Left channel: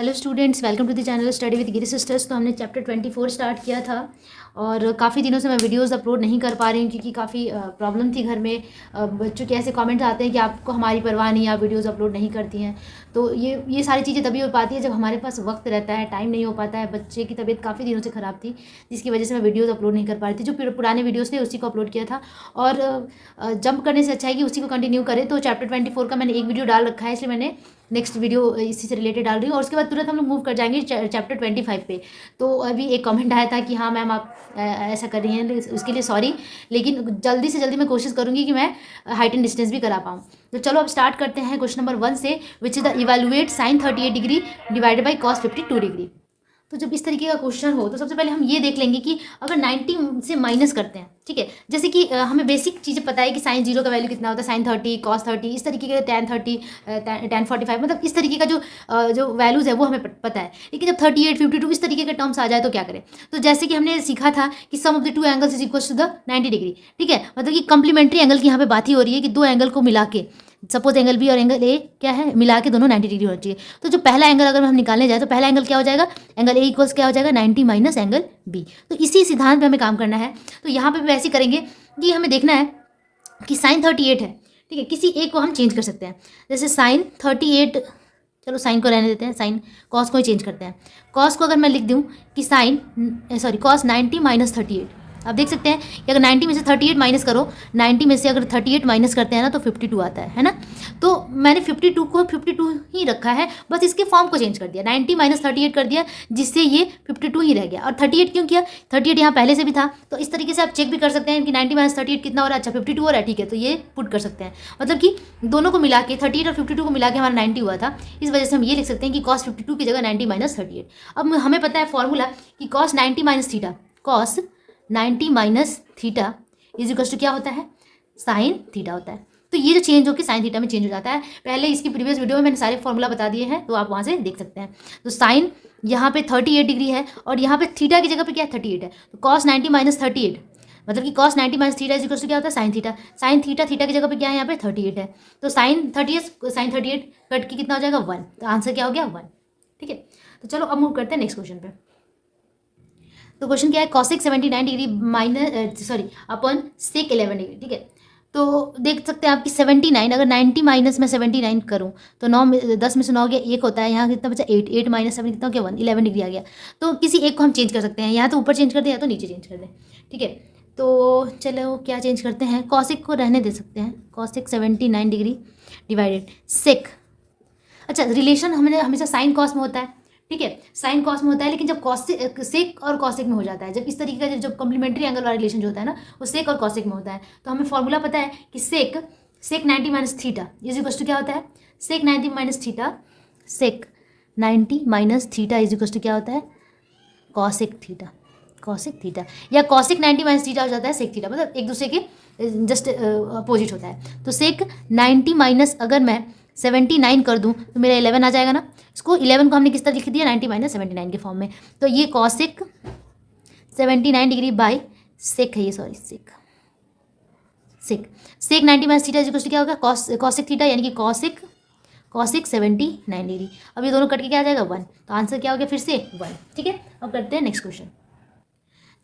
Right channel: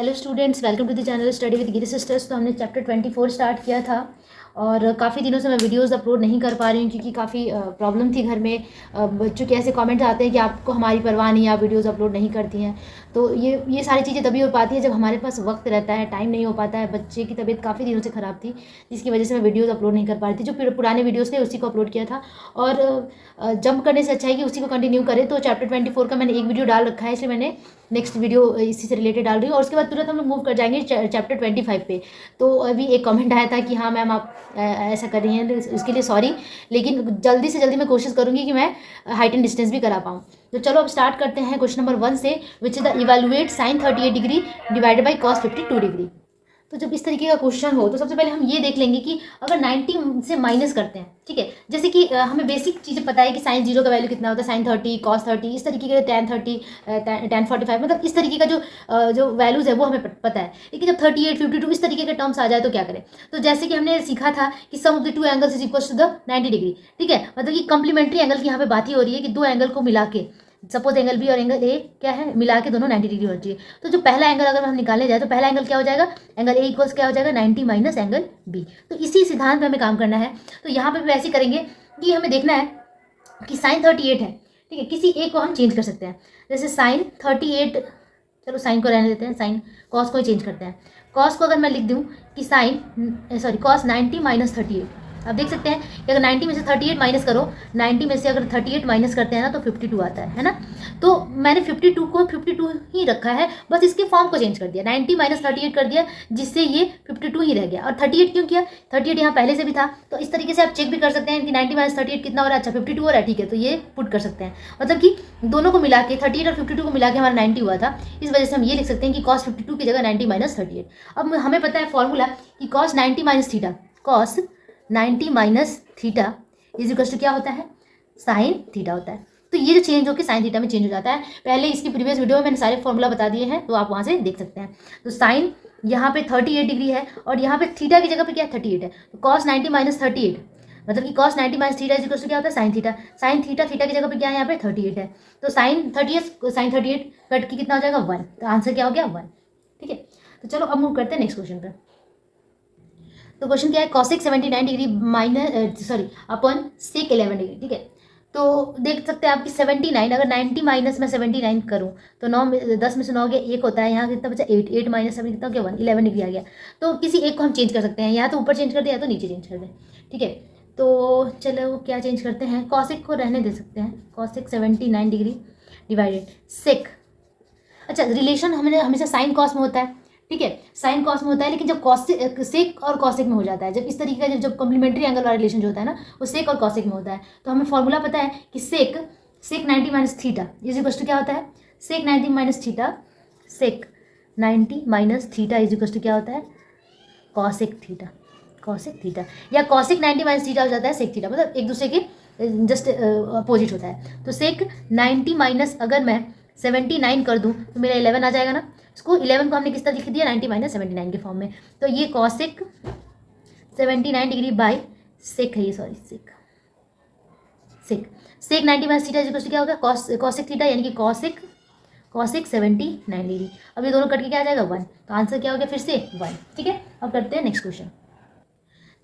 Hello students, welcome to the channel study with Giri sisters. तो हमने chapter 24 start किया था और काफ़ी दिनों से मैं वीडियोस अपलोड नहीं कर पा रही हूँ क्योंकि काफ़ी प्रॉब्लम थी घर में। बच्चों के ऐसे कमेंट्स आते हैं कि आपको हमारी परवाह नहीं, आप वीडियोस अपलोड नहीं करती हैं। तो ये सारी चीज़ें तभी हो पाती है जब हमारे पास वक्त रहता है, टाइम नहीं हो पाता है। बच्चे की तबीयत काफ़ी दिनों से ख़राब थी जिसकी वजह से मैं वीडियोज़ अपलोड नहीं कर पा रही थी। जो पुराने वीडियोज़ थे उसी को अपलोड किया था और जंप करने से अच्छा है कि उसी को कंटिन्यू करें। तो चैप्टर 24 का मैंने एक वीडियो डाल रखा है, इसलिए मैंने नेक्स्ट वीडियो इसी से रिलेटेड डाल रही हूँ और उसके बाद तुरंत हम लोग मूव कर जाएंगे चैप्टर 25 पे। तो अभी एक कमेंट आया था कि हाँ मैम आप ऐसा कर रही हैं, उसके लिए सॉरी, लेकिन जल्दी से जल्दी मैं कोशिश करूँगी कि मैं हाइट एंड डिस्टेंस भी करा पाऊँ। तो चलो अब स्टार्ट करते हैं क्वेश्चन नंबर 1 से, which is the evaluate sine 38 degree divided by cos 52 degree. तो जब इस तरीके का क्वेश्चन हो तो सबसे पहले हम ये देख लेंगे कि अगर 90 से माइनस करते हैं, ठीक है, जैसे कि हमें बेसिक चीज़ें पता है कि साइन 0 का वैल्यू कितना होता है, साइन 30 कॉस 30, इस तरीके के tan 30 tan 45, मतलब इस तरीके का जो वैल्यूज़ है वो हमें पता है। लेकिन जब 38 52 इस तरीके के टर्म्स आ जाए तो क्या करें। तो जैसे कि हमने सीखा था कि sum of the two angles is equal to the 90 degree, ठीक है, मतलब कि कंप्लीमेंट्री एंगल की यहाँ पे बात ही हो रही है कि दो एंगल को मिला के, सपोज एंगल बी और एंगल ए क्या है, मिला के दोनों 90 डिग्री होना चाहिए। तो जो पहला एंगल अगर हम निकालने जाए तो पहला एंगल क्या हो जाएगा, एंगल ए इक्वल्स क्या हो जाएगा 90 माइनस एंगल बी। तो इसी सिद्धांत पे हमें काम करना है। तो यहाँ पे भी ऐसे करेंगे कि हमें देखना है कि साइन 38 है, ठीक है, किसी एक को हम चेंज कर सकते हैं। जैसे साइन 38, चलो साइन को रहने देते हैं, साइन कॉस को ही चेंज करते हैं। कॉस को अगर मैं लिख दूँ कि कॉस 90 माइनस 38, आप देख सकते हैं कि अगर 90 में से 38 माइनस करो, 90 में से अगर 38 माइनस करते हैं ना तो 52 आता है ना। तो मैंने 52 को 52 ही रखा है, बस इसके फॉर्म को चेंज कर दिया, 90 माइनस 38 कर दिया, जिससे ये 52 ही रह गया। और 38 क्यों किया, 38 यहाँ पहले से भी था। तो इस तरीके से आप चेक भी कर सकते हैं कि 90 माइनस 38 कितना हो रहा है, अच्छा 52 हो रहा है, ठीक है, तो ये पुट कर सकते हैं। मतलब कि दोनों को मिला के 38 और 52 को मिला के हमारा 90 हुआ था, इस वजह से हम ये लिख सकते हैं कि कॉस 52 की जगह 90 माइनस 38। अब हमें पता है फॉर्मूला कि cos 90 minus theta, cos 90 minus theta is equal to क्या होता है, साइन थीटा होता है। तो ये जो चेंज होकर साइन थीटा में चेंज हो जाता है। पहले इसकी प्रीवियस वीडियो में मैंने सारे फॉर्मूला बता दिए हैं, तो आप वहाँ से देख सकते हैं। तो साइन यहाँ पे 38 डिग्री है और यहाँ पे थीटा की जगह पे क्या है 38 है, तो कॉस 90 माइनस 38, मतलब कि cos 90 minus theta is equal to क्या होता है साइन थीटा। साइन थीटा की जगह पे क्या है यहाँ पे 38 है, तो साइन 38 कट के कितना हो जाएगा 1, तो आंसर क्या हो गया 1, ठीक है। तो चलो अब मूव करते हैं नेक्स्ट क्वेश्चन पे। तो क्वेश्चन क्या है, कॉसेक 79 डिग्री माइनस अपन सेक 11 डिग्री, ठीक है। तो देख सकते हैं आपकी 79, अगर 90 माइनस में 79 करूँ तो 10 में से 9 गया, एक होता है, यहाँ कितना बचा 8, 8 माइनस 7 कितना हो गया 1, 11 डिग्री आ गया। तो किसी एक को हम चेंज कर सकते हैं, या तो ऊपर चेंज कर दें या तो नीचे चेंज कर दें, ठीक है। तो चलो क्या चेंज करते हैं, कॉसेक को रहने दे सकते हैं, कॉसेक 79 डिग्री डिवाइडेड सेक। अच्छा, रिलेशन हमने हमेशा साइन कॉस में होता है, ठीक है, साइन कॉस में होता है, लेकिन जब सेक और कॉसेक में हो जाता है, जब इस तरीके का जब कॉम्प्लीमेंट्री एंगल वाला रिलेशन जो होता है ना, वो सेक और कॉसेक में होता है। तो हमें फॉर्मूला पता है कि sec 90 minus theta is equal to क्या होता है, sec 90 minus theta, sec 90 minus theta is equal to क्या होता है, कॉसेक थीटा, कॉसेक थीटा, या कॉसेक 90 माइनस थीटा हो जाता है सेक थीटा, मतलब एक दूसरे के जस्ट अपोजिट होता है। तो सेक 90 माइनस अगर मैं 79 कर दूं तो मेरा 11 आ जाएगा ना। इसको 11 को हमने किस तरह लिख दिया, 90 माइनस 79 के फॉर्म में। तो ये कॉसेक 79 डिग्री बाई सेक है, ये sorry sec sec 90 minus theta is क्या होगा, कॉसेक थीटा, यानी कि कॉसेक 79 डिग्री। अब ये दोनों कट के क्या आ जाएगा 1, तो आंसर क्या हो गया फिर से 1, ठीक है। अब करते हैं नेक्स्ट क्वेश्चन।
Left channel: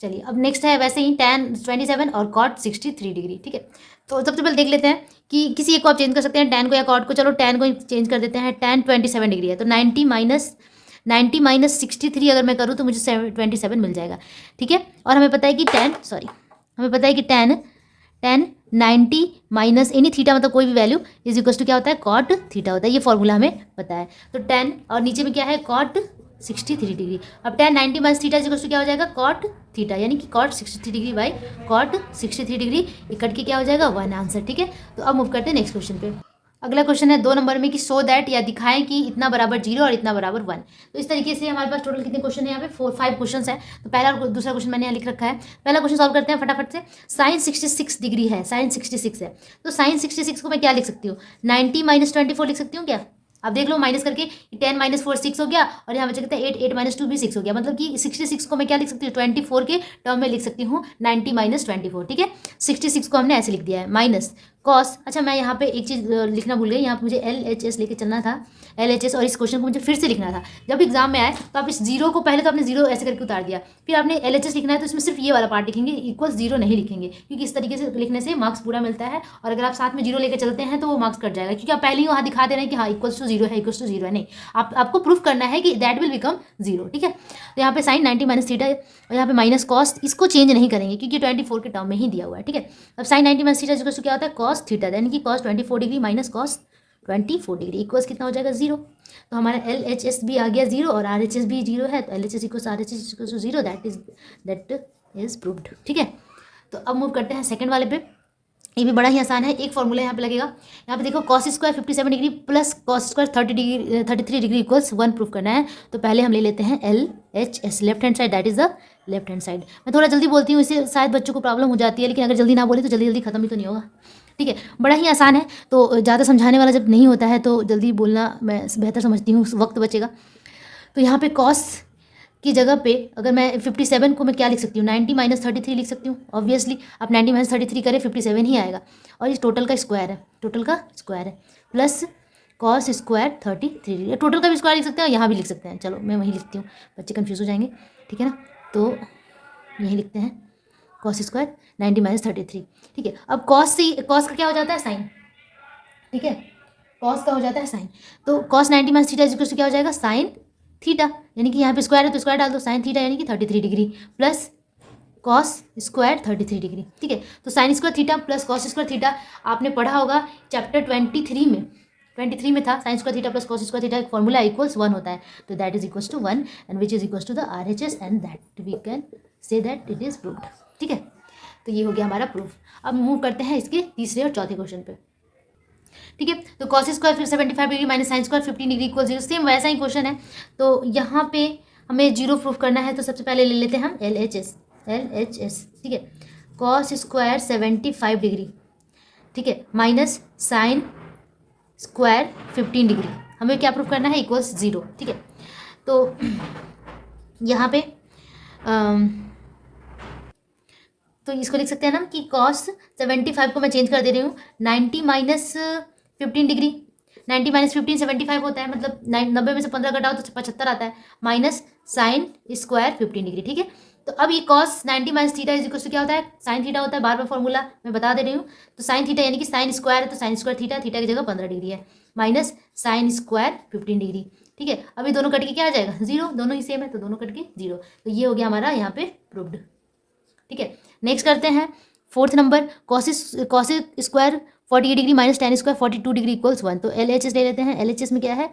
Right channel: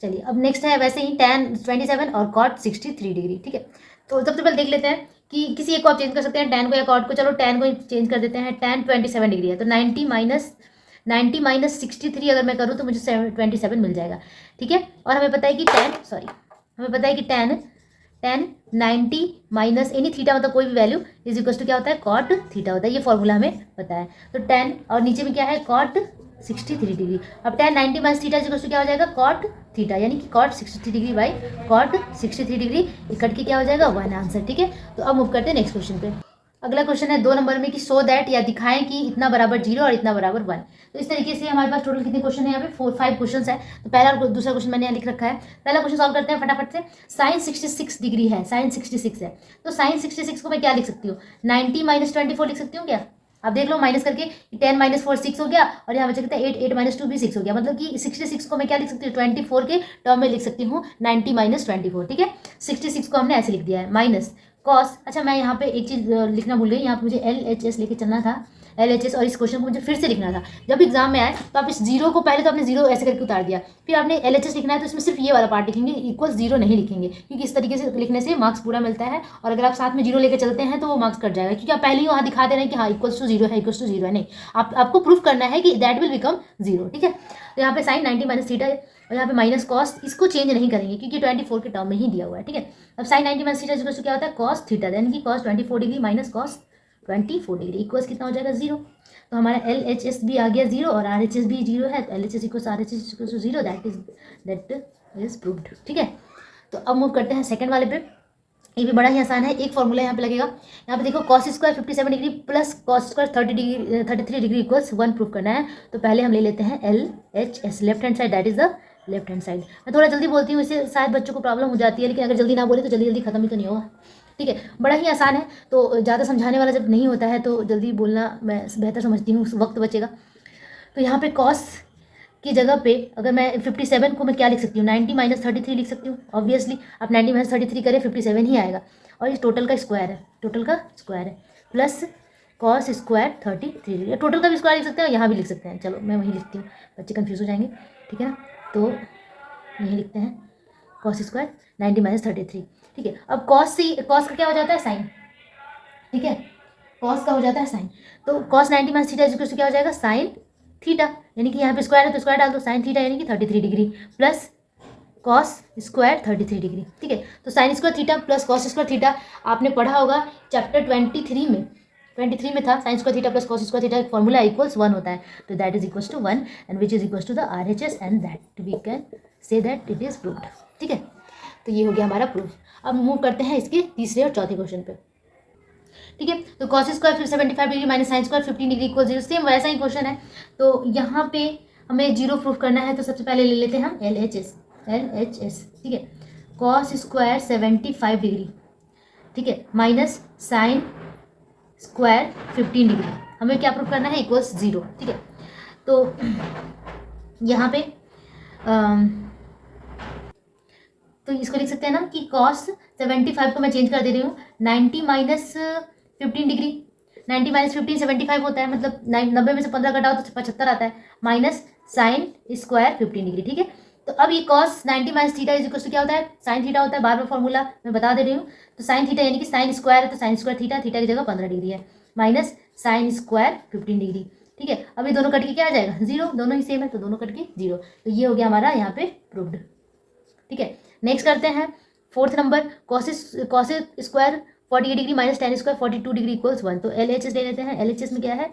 चलिए अब नेक्स्ट है वैसे ही tan 27 और cot 63 डिग्री, ठीक है। तो सबसे पहले देख लेते हैं कि किसी एक को आप चेंज कर सकते हैं, tan को या cot को। चलो tan को चेंज कर देते हैं, tan 27 डिग्री है, तो 90 माइनस 63 अगर मैं करूँ तो मुझे 27 मिल जाएगा, ठीक है। और हमें पता है कि हमें पता है कि tan 90 माइनस एनी थीटा, मतलब कोई भी वैल्यू, इज इक्वल टू क्या होता है cot थीटा होता है, ये फॉर्मूला हमें पता है। तो tan और नीचे में क्या है cot 63 डिग्री। अब tan 90 minus theta is equal to क्या हो जाएगा cot थीटा, यानी कि cot 63 degree by cot 63 degree, ये कट के क्या हो जाएगा 1 आंसर, ठीक है। तो अब मूव करते हैं नेक्स्ट क्वेश्चन पे। अगला क्वेश्चन है 2 नंबर में कि सो दैट, या दिखाएं कि इतना बराबर 0 और इतना बराबर 1। तो इस तरीके से हमारे पास टोटल कितने क्वेश्चन है, यहाँ पे 5 क्वेश्चन है। तो पहला और दूसरा क्वेश्चन मैंने यहाँ लिख रखा है। पहला क्वेश्चन सॉल्व करते हैं फटाफट से। साइन 66 डिग्री है, साइन 66 है, तो साइन 66 को मैं क्या लिख सकती हूँ, 90 माइनस 24 लिख सकती हूँ क्या। अब देख लो माइनस करके 10 माइनस 4 6 हो गया, और यहाँ बचा कितना 8 माइनस 2 भी 6 हो गया, मतलब कि 66 को मैं क्या लिख सकती हूँ 24 के टर्म में लिख सकती हूँ 90 माइनस 24, ठीक है। 66 को हमने ऐसे लिख दिया है, माइनस कॉस। अच्छा मैं यहाँ पे एक चीज़ लिखना भूल गई, यहाँ पे मुझे LHS लेके चलना था, LHS, और इस क्वेश्चन को मुझे फिर से लिखना था। जब एग्जाम में आए तो आप इस जीरो को पहले तो आपने जीरो ऐसे करके उतार दिया, फिर आपने LHS लिखना है तो इसमें सिर्फ ये वाला पार्ट लिखेंगे, इक्वल जीरो नहीं लिखेंगे, क्योंकि इस तरीके से लिखने से मार्क्स पूरा मिलता है। और अगर आप साथ में जीरो लेकर चलते हैं तो वो मार्क्स कट जाएगा, क्योंकि आप पहले ही वहाँ दिखा दे रहे हैं कि हाँ इक्वल्स टू जीरो है, इक्वल्स टू जीरो है। नहीं, आपको प्रूफ करना है कि दैट विल बिकम जीरो। ठीक है, तो यहाँ पे साइन 90 माइनस थीटा है, और यहाँ पे माइनस कॉस, इसको चेंज नहीं करेंगे क्योंकि 24 के टर्म में ही दिया हुआ है। ठीक है, अब sine 90 minus theta equals to क्या होता है, कॉस थीटा, यानी कि cos 24 degree minus cos 24 degree equals कितना हो जाएगा, जीरो। तो हमारा LHS भी आ गया जीरो और RHS भी जीरो है, तो LHS equals RHS equals to zero, that is proved. ठीक है, तो अब मूव करते हैं सेकंड वाले पे। ये भी बड़ा ही आसान है, एक फॉर्मूला यहाँ पे लगेगा। यहाँ पे देखो cos square 57 degree plus cos square 33 degree equals 1 proof करना है। तो पहले हम ले लेते हैं LHS, left hand side, that is the left hand side. मैं थोड़ा जल्दी बोलती हूँ, इससे शायद बच्चों को प्रॉब्लम हो जाती है, लेकिन अगर जल्दी ना बोले तो जल्दी जल्दी खत्म ही तो नहीं होगा। ठीक है, बड़ा ही आसान है, तो ज़्यादा समझाने वाला जब नहीं होता है तो जल्दी बोलना मैं बेहतर समझती हूँ, वक्त बचेगा। तो यहाँ पे कॉस की जगह पे अगर मैं 57 को मैं क्या लिख सकती हूँ, 90 माइनस 33 लिख सकती हूँ। ऑब्वियसली आप 90 माइनस 33 करें 57 ही आएगा, और इस टोटल का स्क्वायर है, टोटल का स्क्वायर है, प्लस कॉस स्क्वायर 33, टोटल का भी स्क्वायर लिख सकते हैं और यहाँ भी लिख सकते हैं। चलो मैं वहीं लिखती हूँ, बच्चे कन्फ्यूज़ हो जाएंगे। ठीक है ना, तो यही लिखते हैं कॉस स्क्वायर 90 माइनस 33। ठीक है, अब कॉस का क्या हो जाता है, साइन। ठीक है, कॉस का हो जाता है साइन, तो cos 90 minus theta equal to क्या हो जाएगा, साइन थीटा, यानी कि यहाँ पे स्क्वायर है तो स्क्वायर डाल दो, साइन थीटा यानी कि 33 degree plus cos square 33 degree. ठीक है, तो sine square theta plus cos square theta आपने पढ़ा होगा चैप्टर 23 में था, sine square theta plus cos square theta formula equals 1 होता है, तो that is equals to 1 and which is equals to the RHS and that we can say that it is proved. ठीक है, तो ये हो गया हमारा प्रूफ। अब मूव करते हैं इसके तीसरे और चौथे क्वेश्चन पे। ठीक है, तो कॉस स्क्वायर फिर 75 degree minus sine square 15 degree equal zero, same वैसा ही क्वेश्चन है। तो यहाँ पे हमें जीरो प्रूफ करना है, तो सबसे पहले ले लेते हैं हम LHS। ठीक है, कॉस स्क्वायर 75 डिग्री, ठीक है, माइनस साइन स्क्वायर 15 डिग्री, हमें क्या प्रूफ करना है, इक्वल्स जीरो। ठीक है, तो यहाँ पे तो इसको लिख सकते हैं ना कि कॉस 75 को मैं चेंज कर दे रही हूँ 90 माइनस 15 डिग्री, 90 माइनस 15 75 होता है, मतलब 90 में से 15 घटाओ तो 75 आता है, माइनस साइन स्क्वायर 15 डिग्री। ठीक है, तो अब ये cos 90 minus theta is equal to क्या होता है, साइन थीटा होता है, बार बार फॉर्मूला मैं बता दे रही हूँ। तो साइन थीटा यानी कि साइन स्क्वायर है तो साइन स्क्वायर थीटा, थीटा की जगह 15 डिग्री है, माइनस साइन स्क्वायर 15 डिग्री। ठीक है, अब ये दोनों कट के क्या आ जाएगा, जीरो, दोनों ही सेम है तो दोनों कट के जीरो, तो ये हो गया हमारा यहाँ पे प्रूव्ड। ठीक है, नेक्स्ट करते हैं fourth number, cosec square 48 degree minus tan square 42 degree equals 1। तो LHS ले लेते हैं, LHS में क्या है,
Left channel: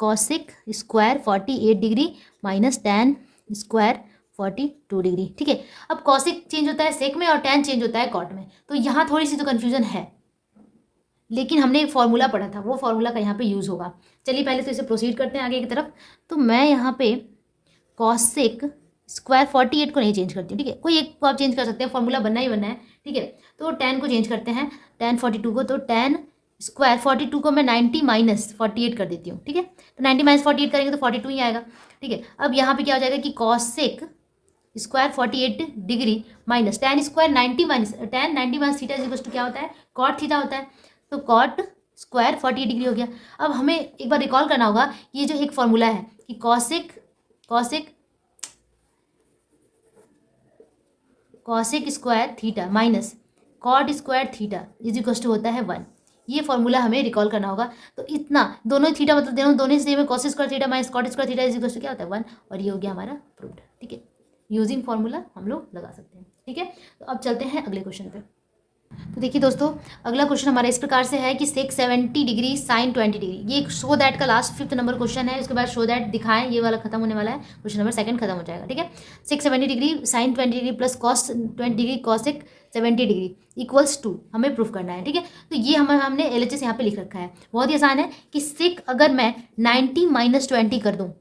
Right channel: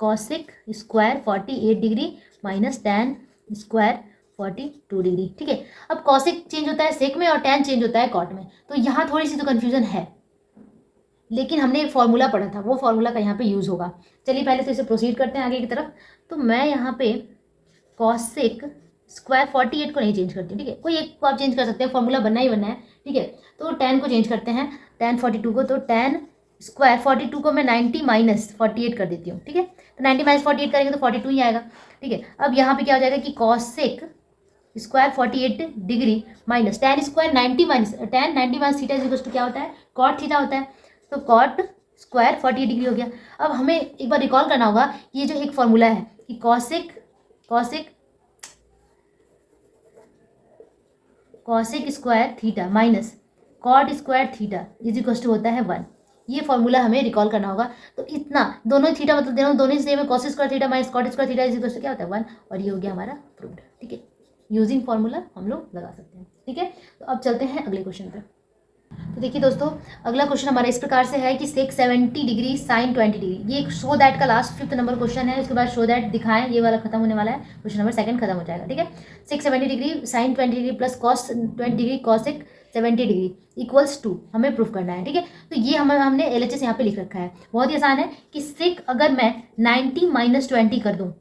cosec square 48 degree minus tan square 42 degree. ठीक है, अब कॉसेक चेंज होता है सेक में और टेन चेंज होता है कॉट में, तो यहाँ थोड़ी सी तो कन्फ्यूजन है, लेकिन हमने एक फॉर्मूला पढ़ा था, वो फॉर्मूला का यहाँ पे यूज़ होगा। चलिए पहले तो इसे प्रोसीड करते हैं आगे की तरफ। तो मैं यहाँ पे कॉसेक स्क्वायर 48 को नहीं चेंज करती, ठीक है, कोई एक को आप चेंज कर सकते हैं, फॉर्मूला बनना ही बनना है। ठीक है, तो 10 को चेंज करते हैं, 10 42 को, तो 10 स्क्वायर 42 को मैं 90 माइनस 48 कर देती हूँ। ठीक है, तो 90 माइनस 48 करेंगे तो 42 ही आएगा। ठीक है, अब यहाँ पे क्या हो जाएगा कि cosec square 48 degree minus tan square 90 minus tan 90 minus theta equal to क्या होता है, कॉट थीटा होता है, तो कॉट स्क्वायर 48 डिग्री हो गया। अब हमें एक बार रिकॉल करना होगा, ये जो एक फॉर्मूला है कि cosec square theta minus cot square theta is equal to होता है 1, ये फॉर्मूला हमें रिकॉल करना होगा। तो इतना दोनों थीटा मतलब दोनों ही सेम है, cos square theta minus cot square theta is equal to क्या होता है 1, और ये हो गया हमारा प्रूव्ड। ठीक है, यूजिंग फॉर्मूला हम लोग लगा सकते हैं। ठीक है, तो अब चलते हैं अगले क्वेश्चन पे। तो देखिए दोस्तों, अगला क्वेश्चन हमारा इस प्रकार से है कि सेक 70 डिग्री साइन 20 डिग्री, ये शो दैट का लास्ट 5th नंबर क्वेश्चन है, उसके बाद शो दैट दिखाएं, ये वाला खत्म होने वाला है, क्वेश्चन नंबर 2 खत्म हो जाएगा। ठीक है, sec 70 degree sine 20 degree plus cos 20 degree cosec 70 degree equals to हमें प्रूफ करना है। ठीक है, तो ये हमने LHS यहाँ पे लिख रखा है, बहुत ही आसान है कि सेक अगर मैं 90 माइनस 20 कर दूँ,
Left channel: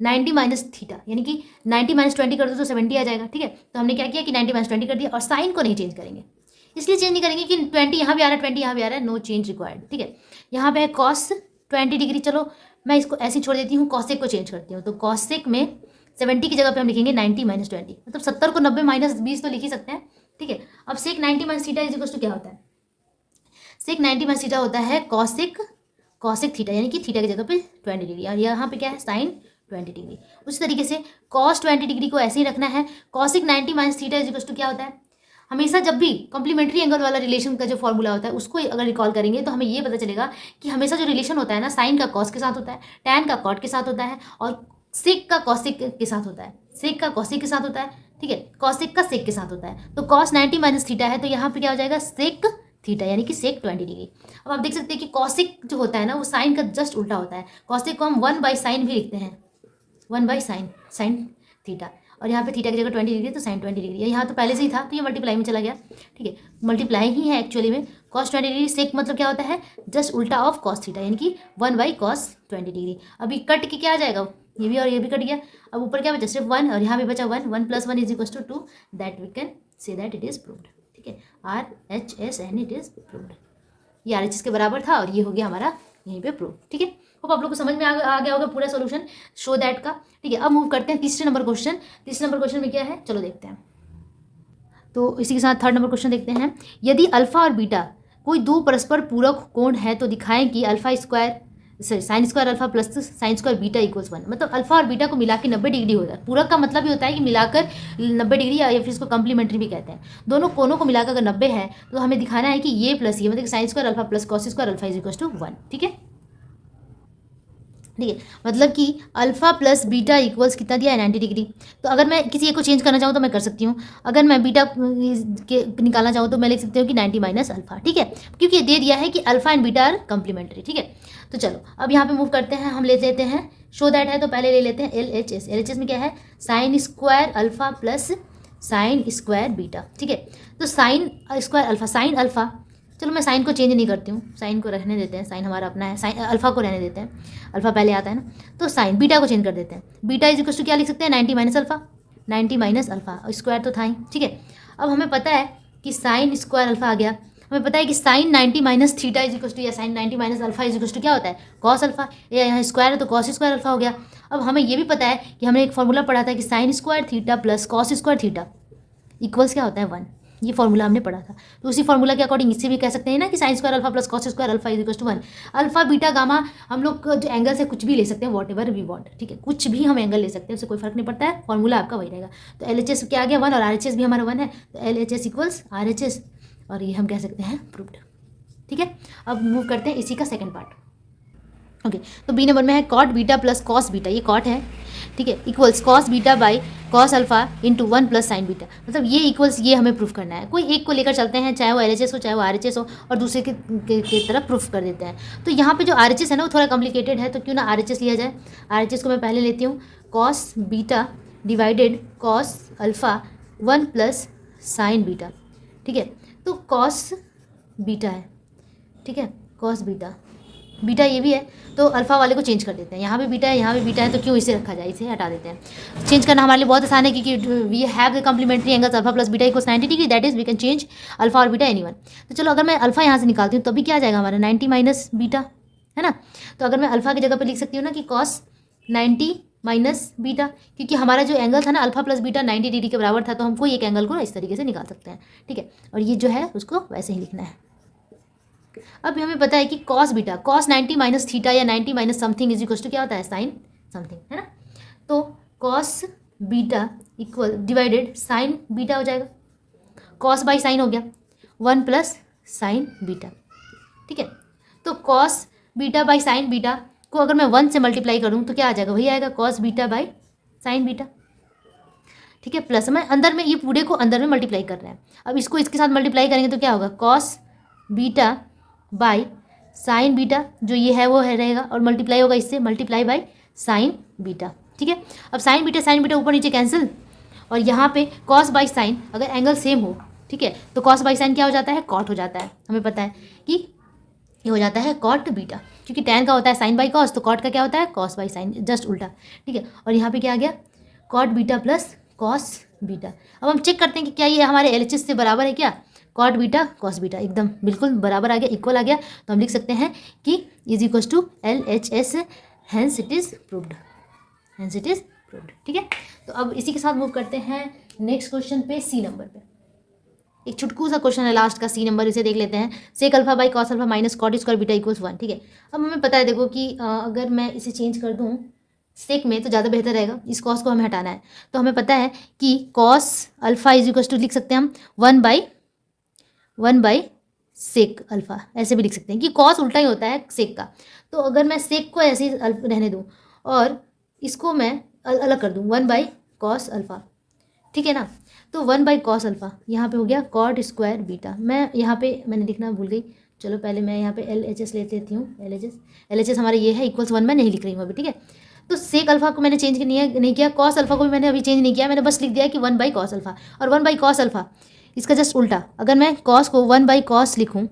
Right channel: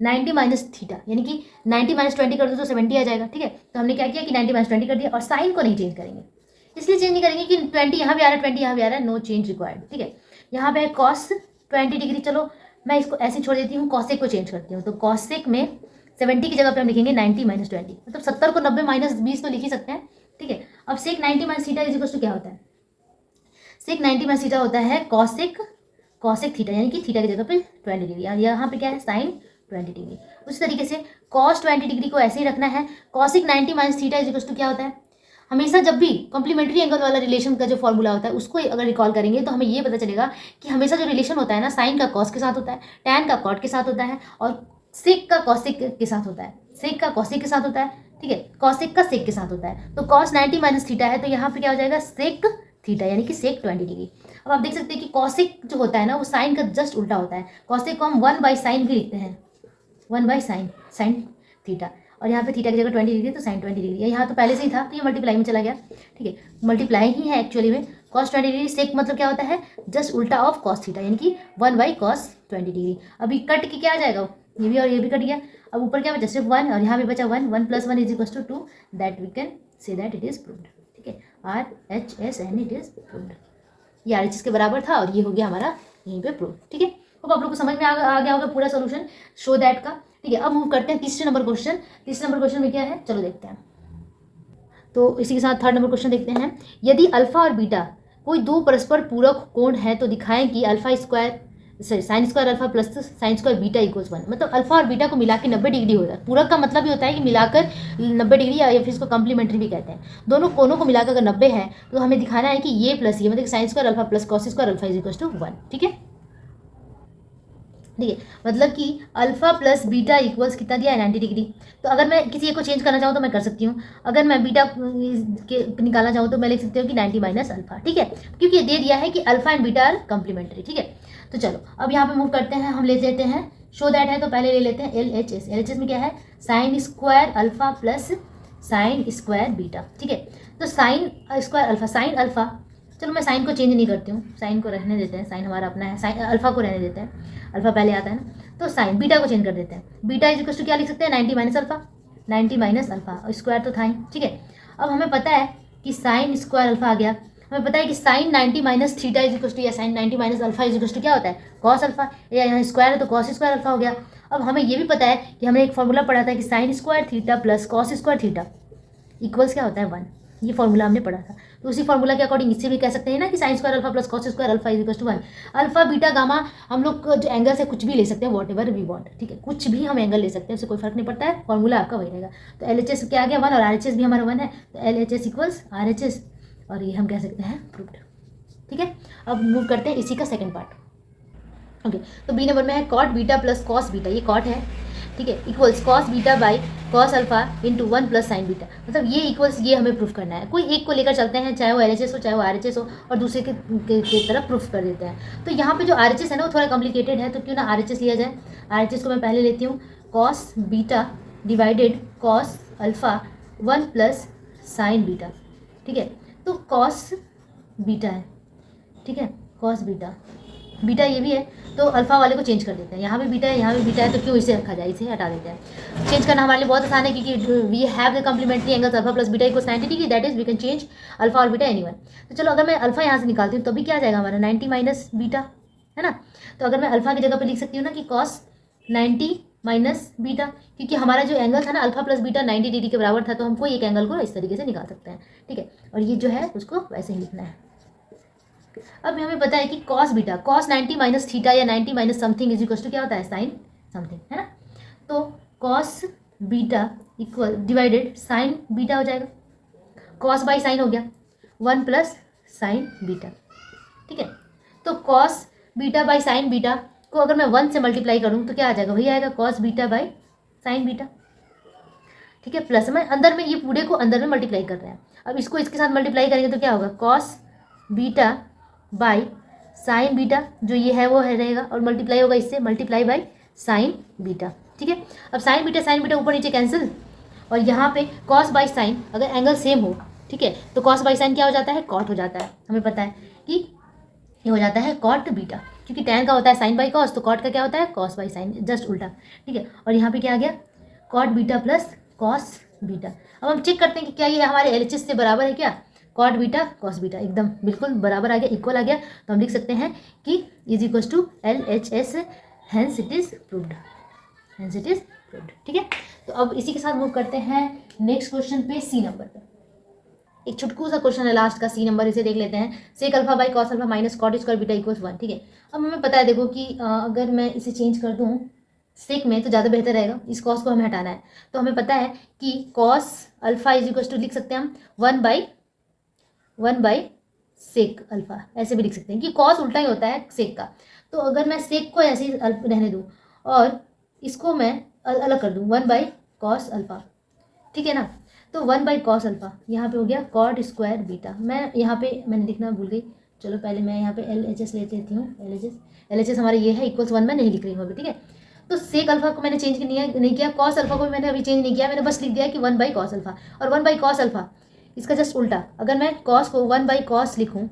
90 माइनस थीटा यानी कि 90 माइनस 20 कर दूँ तो 70 आ जाएगा। ठीक है, तो हमने क्या किया कि 90 माइनस 20 कर दिया, और साइन को नहीं चेंज करेंगे, इसलिए चेंज नहीं करेंगे कि 20 यहाँ भी आ रहा है 20 यहाँ भी आ रहा है, नो चेंज रिक्वायर्ड। ठीक है, यहाँ पे है कॉस 20 डिग्री, चलो मैं इसको ऐसे छोड़ देती हूँ, कॉसेक को चेंज करती हूँ, तो कॉसेक में 70 की जगह पे हम लिखेंगे 90 माइनस 20, मतलब 70 को 90 माइनस 20 तो लिख ही सकते हैं। ठीक है, अब sec 90 minus theta is equal to क्या होता है, सेक 90 माइनस थीटा होता है कॉसिक थीटा यानी कि थीटा की जगह पे 20 डिग्री, और यहाँ पे क्या है साइन 20 डिग्री। उसी तरीके से कॉस 20 डिग्री को ऐसे ही रखना है। Cosec 90 minus theta is equal to क्या होता है, हमेशा जब भी कॉम्प्लीमेंट्री एंगल वाला रिलेशन का जो फॉर्मूला होता है उसको अगर रिकॉल करेंगे तो हमें ये पता चलेगा कि हमेशा जो रिलेशन होता है ना, साइन का कॉस के साथ होता है, टैन का कॉट के साथ होता है, और सेक का कॉसिक के साथ होता है, सेक का कॉसिक के साथ होता है, ठीक है, कॉसिक का सेक के साथ होता है। तो कॉस 90 माइनस थीटा है तो यहाँ पे क्या हो जाएगा सेक थीटा यानी कि सेक 20 डिग्री। अब आप देख सकते हैं कि कॉसिक जो होता है ना वो साइन का जस्ट उल्टा होता है। कॉसिक को हम 1/sin भी लिखते हैं, 1/sin साइन थीटा, और यहाँ पे थीटा की जगह 20 डिग्री तो साइन 20 डिग्री। यहाँ तो पहले से ही था तो ये मल्टीप्लाई में चला गया, ठीक है, मल्टीप्लाई ही है एक्चुअली में। कॉस 20 डिग्री सेक मतलब क्या होता है, जस्ट उल्टा ऑफ कॉस थीटा यानी कि 1/cos 20 डिग्री। अभी कट के क्या आ जाएगा, ये भी और ये भी कट गया, अब ऊपर क्या बचा सिर्फ 1, और यहाँ पे बचा 1, 1 + 1 = 2, that we can say that it is proved, ठीक है, RHS इट इज प्रूव्ड। ये RHS के बराबर था और ये हो गया हमारा यहीं पे प्रूफ, ठीक है। होप आप लोग को समझ में आ गया होगा पूरा सोल्यूशन शो दैट का, ठीक है। अब मूव करते हैं तीसरे नंबर क्वेश्चन। तीसरे नंबर क्वेश्चन में क्या है चलो देखते हैं। तो इसी के साथ थर्ड नंबर क्वेश्चन देखते हैं। यदि अल्फा और बीटा कोई दो परस्पर पूरक कोण है तो दिखाएं कि sin square alpha plus sin square beta = 1। मतलब अल्फा और बीटा को मिला के 90 डिग्री होता है। पूरक का मतलब ही होता है कि मिलाकर 90 डिग्री, या फिर इसको कम्प्लीमेंट्री भी कहते हैं। दोनों कोनों को मिलाकर अगर 90 है तो हमें दिखाना है कि ये प्लस ये मतलब sin square alpha plus cos square alpha = 1, ठीक है, ठीक है। मतलब कि अल्फा प्लस बीटा इक्वल्स कितना दिया है 90 डिग्री। तो अगर मैं किसी एक को चेंज करना चाहूँ तो मैं कर सकती हूँ। अगर मैं बीटा के निकालना चाहूँ तो मैं लिख सकती हूँ कि 90 माइनस अल्फा, ठीक है, क्योंकि ये दे दिया है कि alpha and beta are complementary, ठीक है। तो चलो अब यहाँ पे मूव करते हैं, हम ले लेते हैं शो दैट है तो पहले ले लेते हैं LHS। LHS में क्या है sine square alpha plus sine square beta, ठीक है। तो sine square alpha, sine alpha, चलो मैं साइन को चेंज नहीं करती हूँ, साइन को रहने देते हैं, साइन हमारा अपना है, साइन अल्फा को रहने देते हैं, अल्फा पहले आता है ना। तो साइन बीटा को चेंज कर देते हैं, बीटा = क्या लिख सकते हैं 90 minus alpha, 90 minus alpha, square तो था ही, ठीक है। अब हमें पता है कि साइन स्क्वायर अल्फा आ गया, हमें पता है कि साइन 90 माइनस थीटा = या साइन 90 माइनस अल्फा = क्या होता है कॉस अल्फा, या यहाँ स्क्वायर है तो कॉस स्क्वायर अल्फा हो गया। अब हमें ये भी पता है कि हमने एक फॉर्मूला पढ़ा था कि sign square theta plus cos square theta equals क्या होता है 1, ये फॉर्मूला हमने पढ़ा था। तो उसी फॉर्मूला के अकॉर्डिंग इससे भी कह सकते हैं ना कि sine square alpha plus cos square alpha = 1। Alpha beta gamma हम लोग जो एंगल से कुछ भी ले सकते हैं, वॉट एवर वी वांट, ठीक है, कुछ भी हम एंगल ले सकते हैं, उससे कोई फर्क नहीं पड़ता है, फॉर्मूला आपका वही रहेगा। तो LHS क्या आ गया 1 और RHS भी हमारा 1 है, तो LHS = RHS, और ये हम कह सकते हैं प्रूव्ड, ठीक है। अब मूव करते हैं इसी का सेकेंड पार्ट, ओके। तो बी नंबर में है cot beta plus cos beta, ये कॉट है, ठीक है, equals cos beta by cos alpha × 1 + sine beta. मतलब ये इक्वल्स ये हमें प्रूफ करना है। कोई एक को लेकर चलते हैं, चाहे वो LHS हो चाहे वो RHS हो, और दूसरे के तरफ प्रूफ कर देते हैं। तो यहाँ पे जो RHS है ना वो थोड़ा कॉम्प्लिकेटेड है, तो क्यों ना RHS लिया जाए। RHS को मैं पहले लेती हूँ, cos beta divided cos alpha 1 + sine beta, ठीक है। तो कॉस बीटा है, ठीक है, कॉस बीटा, बीटा ये भी है तो अल्फा वाले को चेंज कर देते हैं, यहाँ भी बीटा है यहाँ भी बीटा है, तो क्यों इसे रखा जाए, इसे हटा देते हैं। चेंज करना हमारे लिए बहुत आसान है क्योंकि we have the complementary angles alpha plus beta = 90 degree, that is we can change alpha और बीटा एनीवन। तो चलो अगर मैं अल्फा यहाँ से निकालती हूँ तो भी क्या आ जाएगा हमारा 90 माइनस बीटा, है ना। तो अगर मैं अल्फा की जगह पर लिख सकती हूँ ना कि कॉस 90 माइनस बीटा, क्योंकि हमारा जो एंगल था ना अल्फा प्लस बीटा 90 डिग्री के बराबर था, तो हम कोई एक एंगल को इस तरीके से निकाल सकते हैं, ठीक है। और ये जो है उसको वैसे ही लिखना है। अब हमें पता है कि cos beta cos 90 minus theta या 90 माइनस समथिंग = क्या होता है साइन समथिंग, है ना। तो cos beta divided sign beta हो जाएगा, cos बाई साइन हो गया 1 + साइन बीटा, ठीक है। तो cos beta by sine beta को अगर मैं 1 से मल्टीप्लाई करूँ तो क्या आ जाएगा, वही आएगा cos beta by sine beta, ठीक है। प्लस मैं अंदर में ये पूरे को अंदर में मल्टीप्लाई कर रहे हैं। अब इसको इसके साथ मल्टीप्लाई करेंगे तो क्या होगा cos beta by sine beta, जो ये है वो है रहेगा, और मल्टीप्लाई होगा इससे मल्टीप्लाई बाई साइन बीटा, ठीक है। अब साइन बीटा ऊपर नीचे कैंसिल, और यहाँ पे कॉस बाई साइन अगर एंगल सेम हो, ठीक है, तो कॉस बाई साइन क्या हो जाता है कॉट हो जाता है। हमें पता है कि ये हो जाता है कॉट बीटा, क्योंकि टैन का होता है साइन बाई कॉस, तो कॉट का क्या होता है कॉस बाई साइन, जस्ट उल्टा, ठीक है। और यहाँ पे क्या आ गया cot beta plus cos beta. अब हम चेक करते हैं कि क्या ये हमारे LHS से बराबर है क्या, कॉट बीटा कॉस बीटा एकदम बिल्कुल बराबर आ गया, इक्वल आ गया, तो हम लिख सकते हैं कि = LHS, hence it is proved, hence it is proved, ठीक है। तो अब इसी के साथ मूव करते हैं नेक्स्ट क्वेश्चन पे, सी नंबर पे। एक छुटकू सा क्वेश्चन है लास्ट का, सी नंबर, इसे देख लेते हैं। Sec alpha by cos alpha minus cot square beta equals 1, ठीक है। अब हमें पता है देखो कि अगर मैं इसे चेंज कर दूँ सेक में तो ज़्यादा बेहतर रहेगा, इस कॉस को हमें हटाना है। तो हमें पता है कि cos alpha is equals to लिख सकते हैं हम 1 बाई सेक अल्फा, ऐसे भी लिख सकते हैं कि कॉस उल्टा ही होता है सेक का। तो अगर मैं सेक को ऐसे ही रहने दूँ और इसको मैं अलग कर दूँ 1/cos अल्फा, ठीक है ना। तो 1/cos अल्फा यहाँ पे हो गया कॉट स्क्वायर बीटा। मैं यहाँ पे मैंने लिखना भूल गई, चलो पहले मैं यहाँ पे LHS ले लेती हूँ। LHS हमारे ये है, इक्वल्स 1 में नहीं लिख रही हूँ अभी, ठीक है। तो सेक अल्फा को मैंने चेंज नहीं किया, कॉस अल्फा को भी मैंने अभी चेंज नहीं किया, मैंने बस लिख दिया कि 1/cos अल्फा। और 1/cos अल्फा इसका जस्ट उल्टा, अगर मैं कॉस को 1/cos लिखूँ,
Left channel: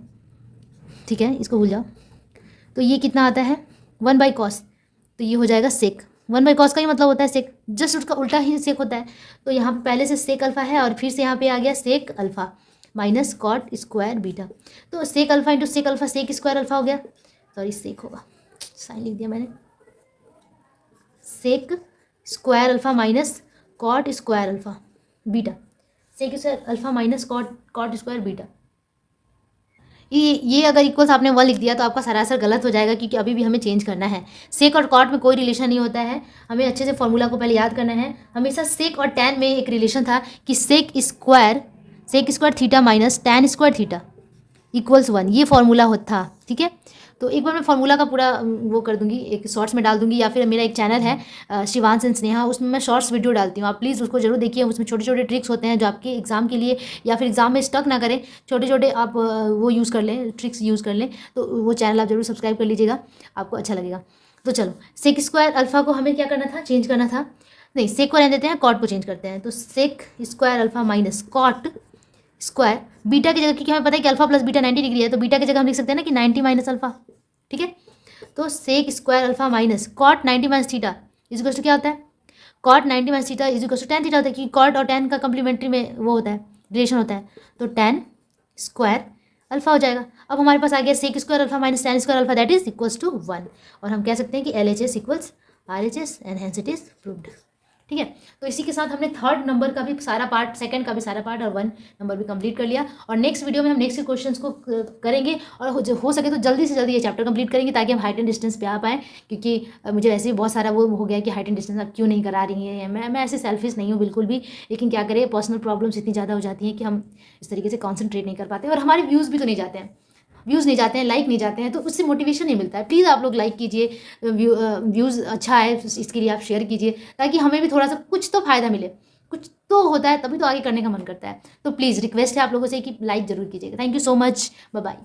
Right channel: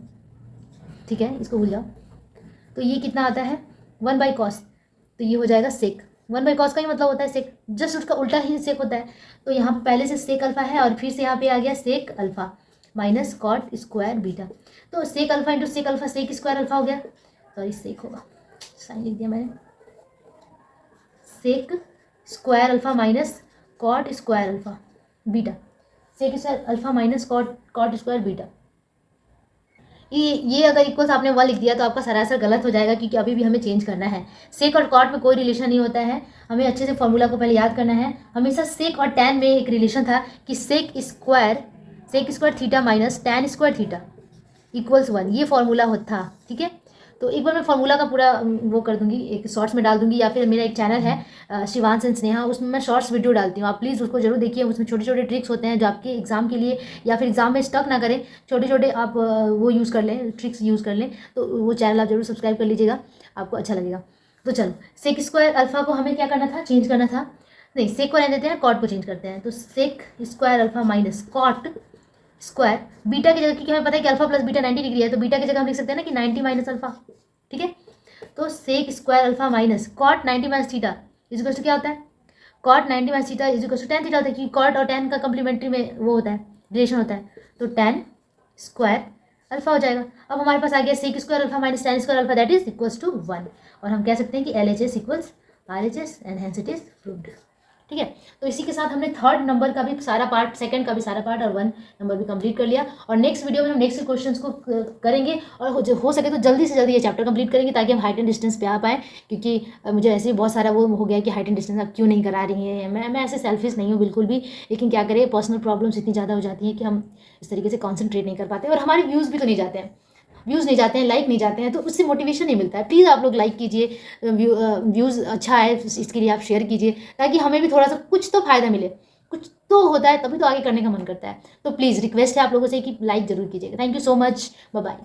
ठीक है, इसको भूल जाओ, तो ये कितना आता है 1/cos, तो ये हो जाएगा सेक। 1/cos का ही मतलब होता है सेक, जस्ट उसका उल्टा ही सेक होता है। तो यहाँ पहले से सेक अल्फा है और फिर से यहाँ पे आ गया sec alpha minus cot square beta. तो sec alpha into sec alpha sec square alpha हो गया, सॉरी सेक होगा, साइन लिख दिया मैंने, sec square alpha minus cot square alpha beta, sec square alpha minus cot square beta. ये अगर equals आपने 1 लिख दिया तो आपका सरासर गलत हो जाएगा, क्योंकि अभी भी हमें चेंज करना है। सेक और कॉट में कोई रिलेशन नहीं होता है, हमें अच्छे से फॉर्मूला को पहले याद करना है। हमेशा सेक और टैन में एक रिलेशन था कि sec square theta minus tan square theta equals 1, ये फॉर्मूला होता था, ठीक है। तो एक बार मैं फॉर्मूला का पूरा वो कर दूंगी, एक शॉर्ट्स में डाल दूंगी, या फिर मेरा एक चैनल है शिवांश एंड स्नेहा, उसमें मैं शॉर्ट्स वीडियो डालती हूँ, आप प्लीज़ उसको जरूर देखिए। उसमें छोटे छोटे ट्रिक्स होते हैं जो आपके एग्जाम के लिए या फिर एग्जाम में स्टक ना करें, छोटे छोटे आप वो यूज़ कर लें, ट्रिक्स यूज़ कर लें। तो वो चैनल आप जरूर सब्सक्राइब कर लीजिएगा, आपको अच्छा लगेगा। तो चलो, सेक स्क्वायर अल्फा को हमें क्या करना था, चेंज करना था, नहीं सेक को रहने देते हैं, कॉट को चेंज करते हैं। तो sec square alpha minus cot square beta की जगह, क्योंकि हमें पता है कि अल्फा प्लस बीटा 90 डिग्री है, तो बीटा की जगह हम लिख सकते हैं ना कि 90 माइनस अल्फा, ठीक है। तो sec square alpha minus cot 90 minus theta is equal to क्या होता है, cot 90 minus theta is equal to tan theta होता है, क्योंकि कॉट और टैन का कम्प्लीमेंट्री में वो होता है, रिलेशन होता है। तो टैन स्क्वायर अल्फा हो जाएगा। अब हमारे पास आ गया sec square alpha minus tan square alpha, that is equals to 1, और हम कह सकते हैं कि LHS equals RHS and hence it is proved, ठीक है। तो इसी के साथ हमने थर्ड नंबर का भी सारा पार्ट, सेकंड का भी सारा पार्ट और 1 नंबर भी कंप्लीट कर लिया। और नेक्स्ट वीडियो में हम नेक्स्ट के क्वेश्चंस को करेंगे, और हो सके तो जल्दी से जल्दी ये चैप्टर कंप्लीट करेंगे, ताकि हम हाइट एंड डिस्टेंस पे आ पाए, क्योंकि मुझे ऐसे ही बहुत सारा वो हो गया कि हाइट एंड डिस्टेंस आप क्यों नहीं करा रही हैं। मैं ऐसे सेल्फिश नहीं हूँ बिल्कुल भी, लेकिन क्या करें, पर्सनल प्रॉब्लम्स इतनी ज़्यादा हो जाती हैं कि हम इस तरीके से कॉन्सेंट्रेट नहीं कर पाते, और हमारे व्यूज़ भी तो नहीं जाते हैं, लाइक नहीं जाते हैं, तो उससे मोटिवेशन नहीं मिलता है। प्लीज़ आप लोग लाइक कीजिए, व्यूज़ अच्छा है इसके लिए आप शेयर कीजिए, ताकि हमें भी थोड़ा सा कुछ तो फ़ायदा मिले, कुछ तो होता है तभी तो आगे करने का मन करता है। तो प्लीज़ रिक्वेस्ट है आप लोगों से कि लाइक ज़रूर कीजिएगा। Thank you so much, bye bye.